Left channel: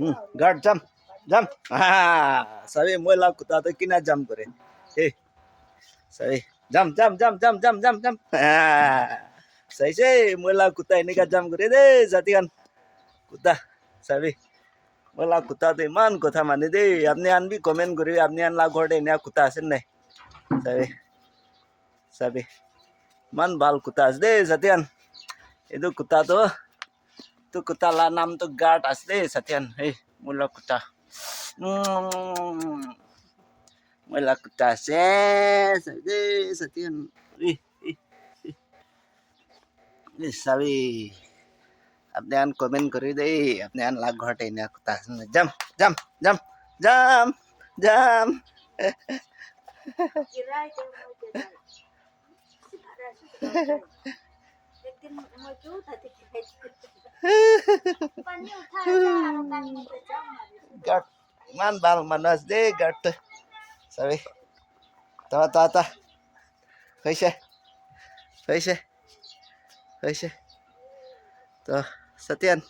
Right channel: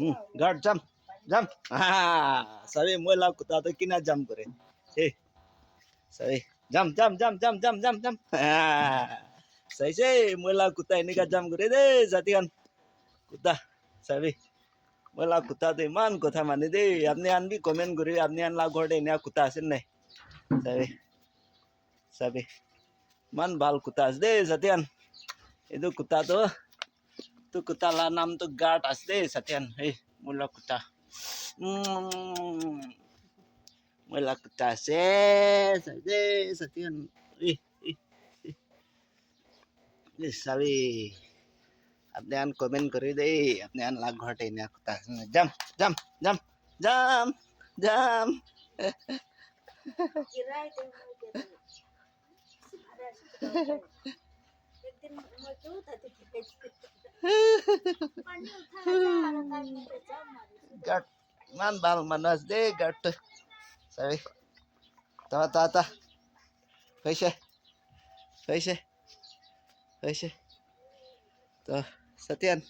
guard जम जम हाँ सभी मोला कुत्ता तो किना जम करे ए सही जम जम जम जम जम जम जम सही से मोला कुत्ता इन्हें का जम करे दे जातियान कुत्ता सभी मोला कुत्ता तो ईमान कथा माने दे अपने आन भी कमेंट करे अपने आन लाग घोड़े ने कुत्ता आसे नहीं सभी सभी मन बाल कुत्ता आस दे जातियान itu kuta tuh kuta lah nam tuh guard asli satian hei mula kuta mula kuta satian ih ih ih sabi अपने आन कमेंट करी दे अपने आन लाग घटे ने कुता जम जम जम जम जम Gart man bal manas de gart sabi ta कैसे कैसे कैसे तो सत्यन